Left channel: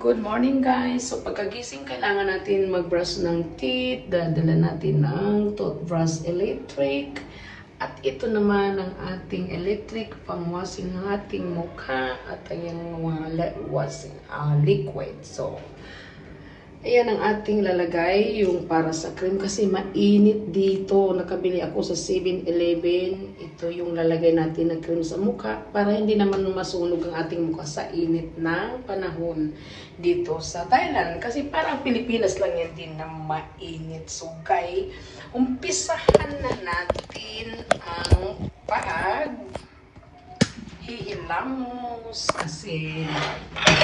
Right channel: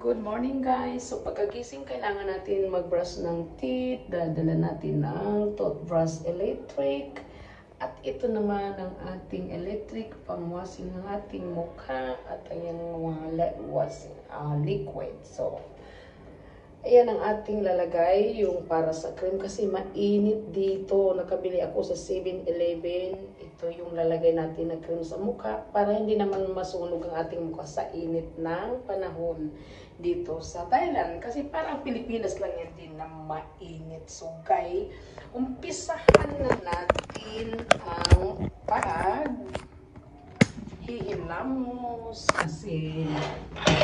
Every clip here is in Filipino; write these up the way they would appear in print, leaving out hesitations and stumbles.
Good morning guys! So pagkagising kailangan natin mag-brush ng teeth, dadala natin ng toothbrush electric. At ito naman ang ating electric pang-washing ng ating mukha at yung mga washing liquid. So, ayan ang ating lalagay, yung para sa cream kasi mainit dito. Nakabili ako sa 7-Eleven. Ito yung lalagay natin na cream sa mukha para hindi naman masunog ang ating mukha sa init ng panahon dito sa Thailand. Kasi parang Pilipinas lang yan din na mainit. So, umpisahan na natin ang hilamos kasi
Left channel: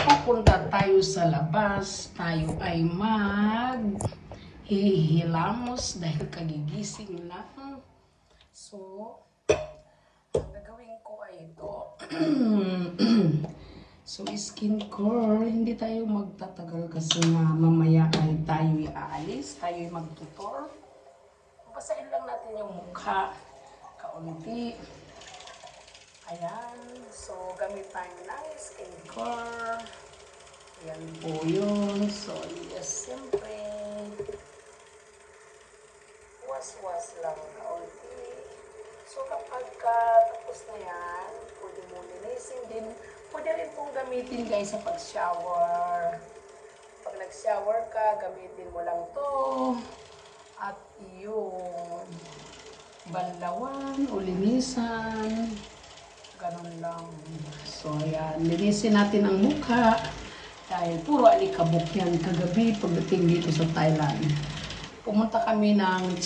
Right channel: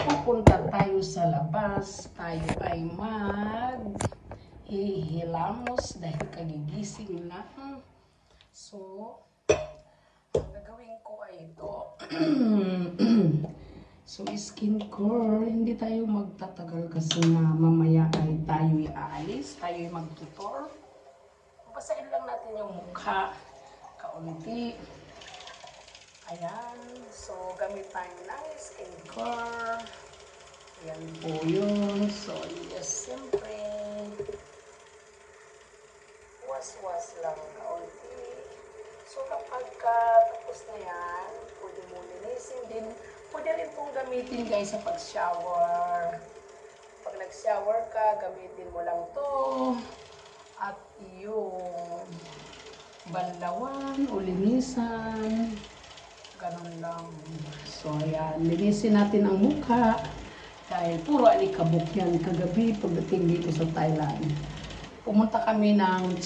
pupunta tayo sa labas, tayo ay hihilamos dahil kagigising lang. So, ang gagawin ko ay ito. So, skincare, hindi tayo magtatagal kasi mamaya ay tayo aalis, tayo ay magtutor. Basahin lang natin yung mukha, kaunti. Ayan, so gamit tayo ng skincare. Ayan po yun. So, yes, siyempre, was lang kaunti. So, kapag tapos na yan, pwede mo linisin din. Pwede rin pong gamitin guys sa pag-shower. Pag nag-shower ka, gamitin mo lang to. At yung banlawan o linisan. Ganun lang. So, ayan. Linisin natin ang mukha. Dahil puro alikabok yan kagabi pagdating dito sa Thailand. Pumunta kami ng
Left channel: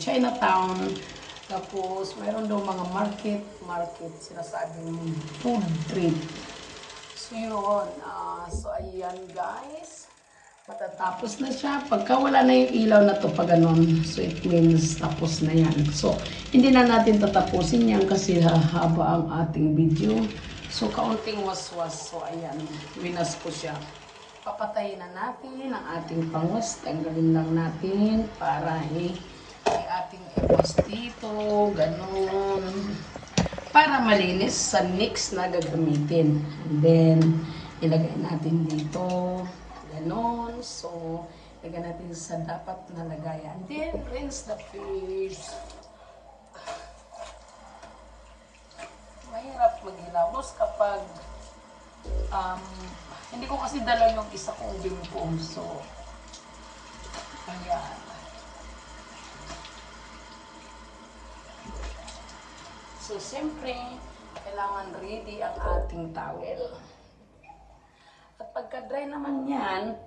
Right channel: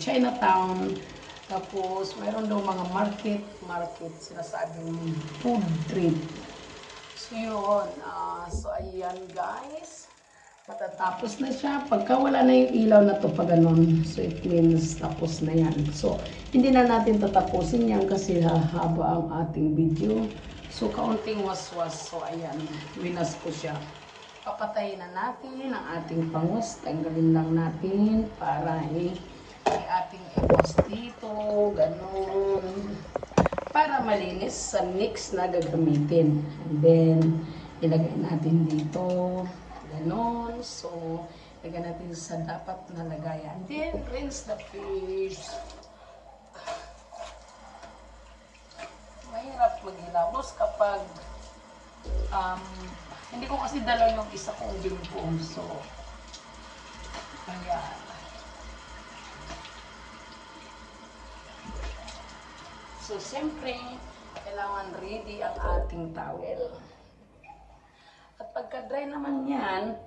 Chinatown. Tapos, mayroon daw mga market, sinasabing food trip. So, yun. So, ayan guys. Matatapos na siya. Pagka wala na yung ilaw na to pag ganun, so it means tapos na yan. So, hindi na natin tatapusin yan kasi hahaba ang ating video. So, kaunting waswas. So, ayan. Winas ko siya. Papatayin na natin ang ating pangwas. Tanggalin lang natin para ating iwas dito. Ganun. Para malinis sa next na gagamitin. And then, ilagay natin dito. Ganon. So, lagyan natin sa dapat na lagayan. Then, rinse the face. Mahirap maghilamos kapag hindi ko kasi dala yung isa kong binubuong. So, kaya so, siyempre, kailangan ready ang ating towel. At pagka-dry naman yan,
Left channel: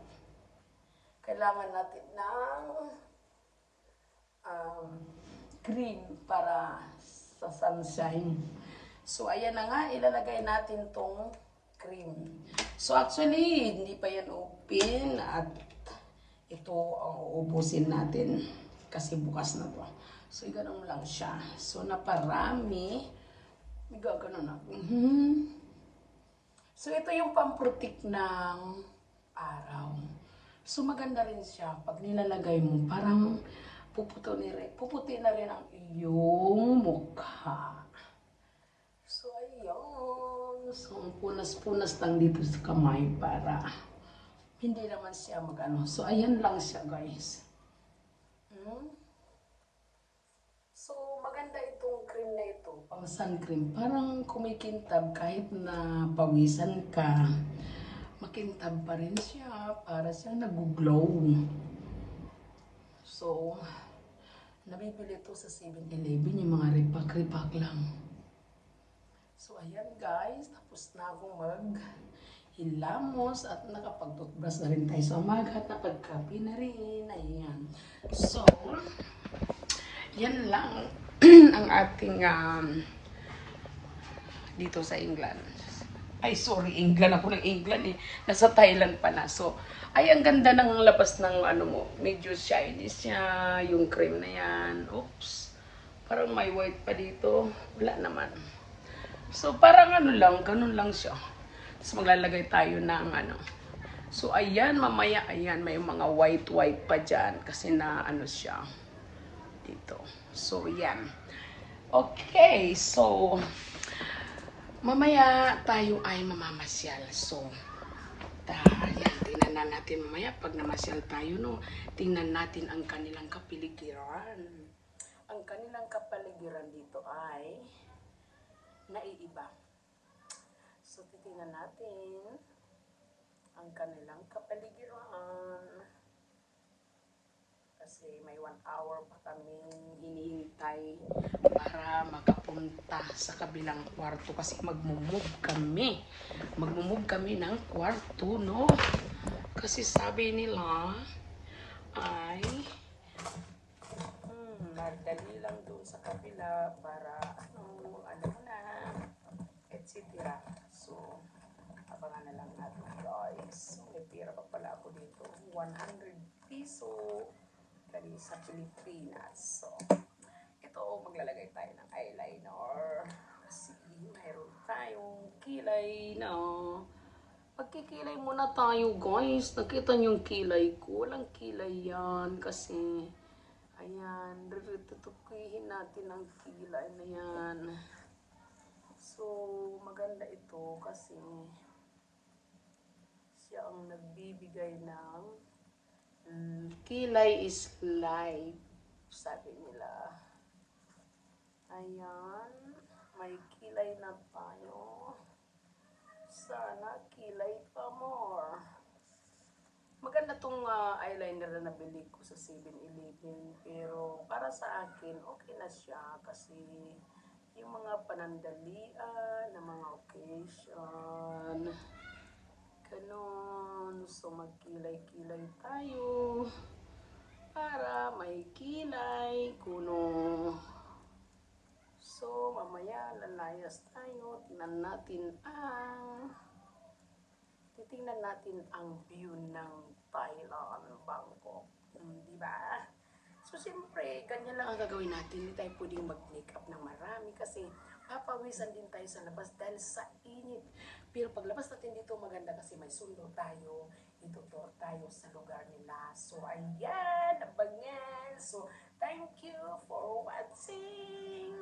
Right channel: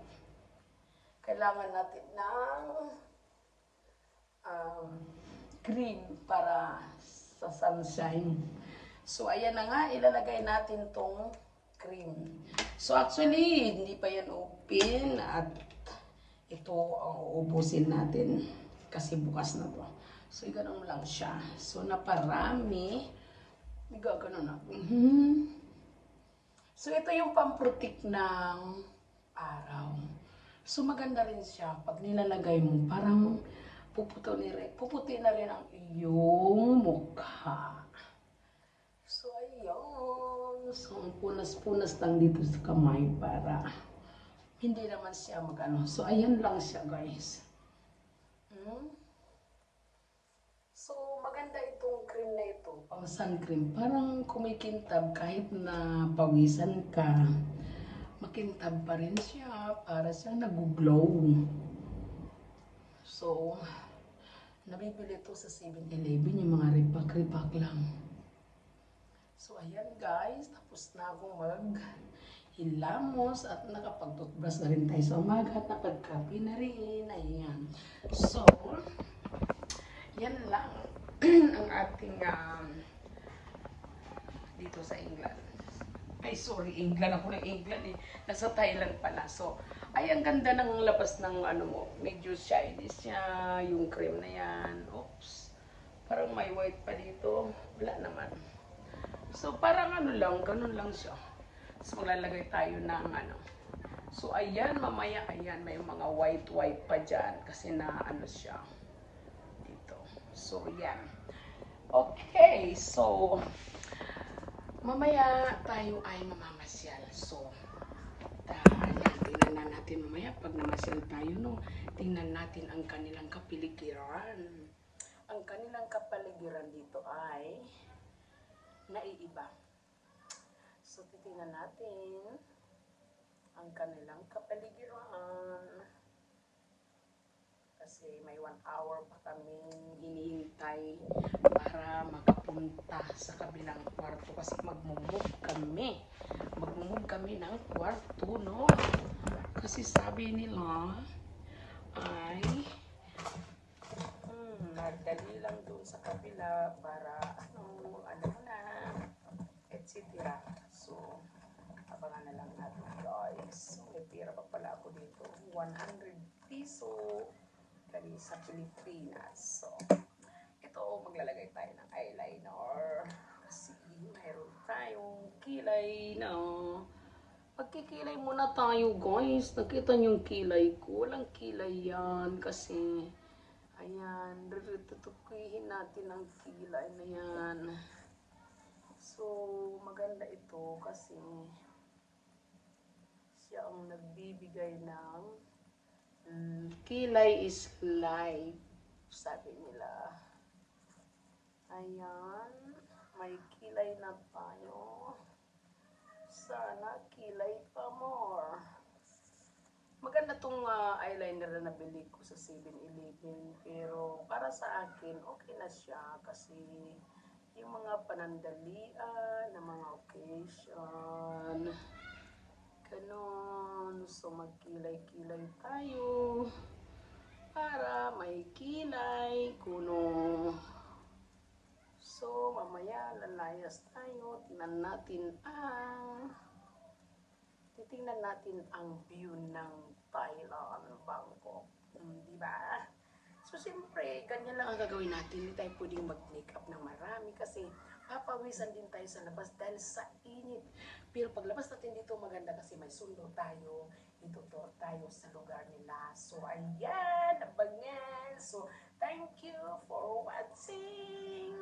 kailangan natin ng cream para sa sunshine. So, ayan na nga, ilalagay natin tong cream. So, actually, hindi pa yan open at ito uubusin natin kasi bukas na to. So, ganun lang siya. So, naparami. Gaganon ako. So, ito yung pamprotek ng araw. So, maganda rin siya. Pag nilalagay mo, parang puputi na rin ang iyong mukha. So, ayun. So, punas-punas lang dito sa kamay para hindi naman siya magano. So, ayan lang siya, guys. So, maganda itong cream na ito, pang sun cream. Parang kumikintab kahit na pawisan ka. Makintab pa rin siya para siya nag-glow. So, nabibili ito sa 7-Eleven, yung mga ripak-ripak lang. So, ayan guys, tapos na akong maghilamos at nakapag-toothbrush na rin tayo sa umaga at napagkape na rin. Ayan. So, yan lang ang ating dito sa England. Ay, sorry, England. Ako ng England eh. Nasa Thailand pala. So, ay, ang ganda ng labas ng ano mo. Medyo shiny siya. Yung cream na yan. Oops. Parang may white pa dito. Wala naman. So, parang ano lang. Ganun lang siya. Tapos maglalagay tayo ng ano. So, ayan. Mamaya, ayan. May mga white pa dyan. Kasi na ano siya. Dito. So, yan. Okay. So, Mamaya tayo ay mamamasyal. So, ayan, tingnan na natin mamaya pag namasyal tayo, no? Tingnan natin ang kanilang kapaligiran. Ang kanilang kapaligiran dito ay naiiba. So, titingnan natin ang kanilang kapaligiran. Kasi may 1 hour pa kaming hinihintay para makapunta sa kabilang kwarto kasi magmumove kami. Magmumove kami ng kwarto, no? Kasi sabi nila ay magdali lang doon sa kabila para ano mo na, etc. So, abangan na lang natin, guys. May pira pa pala ako dito. 100 piso dali sa Pilipinas. So, ito, maglalagay tayo ng eyeliner. Kasi mayroon tayong kilay na. Magkikilay muna tayo, guys. Nakita niyo yung kilay ko. Walang kilay yan kasi ayan, tutukuyin natin ang kilay na yan. So, maganda ito kasi siya ang nagbibigay ng kilay is life, sabi nila. Ayan, may kilay na tayo. Sana kilay pa more. Maganda tong eyeliner na nabili ko sa 7-Eleven. Pero para sa akin, okay na siya. Kasi yung mga panandalian, na mga occasion, ganon. So magkilay-kilay tayo para may kilay, kunong. So mamaya lalayas tayo. Titingnan natin ang view ng Thailand, Bangkok. Diba? So, siyempre, ganyan lang ang gagawin natin. Hindi tayo pwedeng mag-makeup ng marami kasi papawisan din tayo sa labas dahil sa init. Pero paglabas natin dito, maganda kasi may sundo tayo. Itutur tayo sa lugar nila. So, ayan, abangan. So, thank you for watching.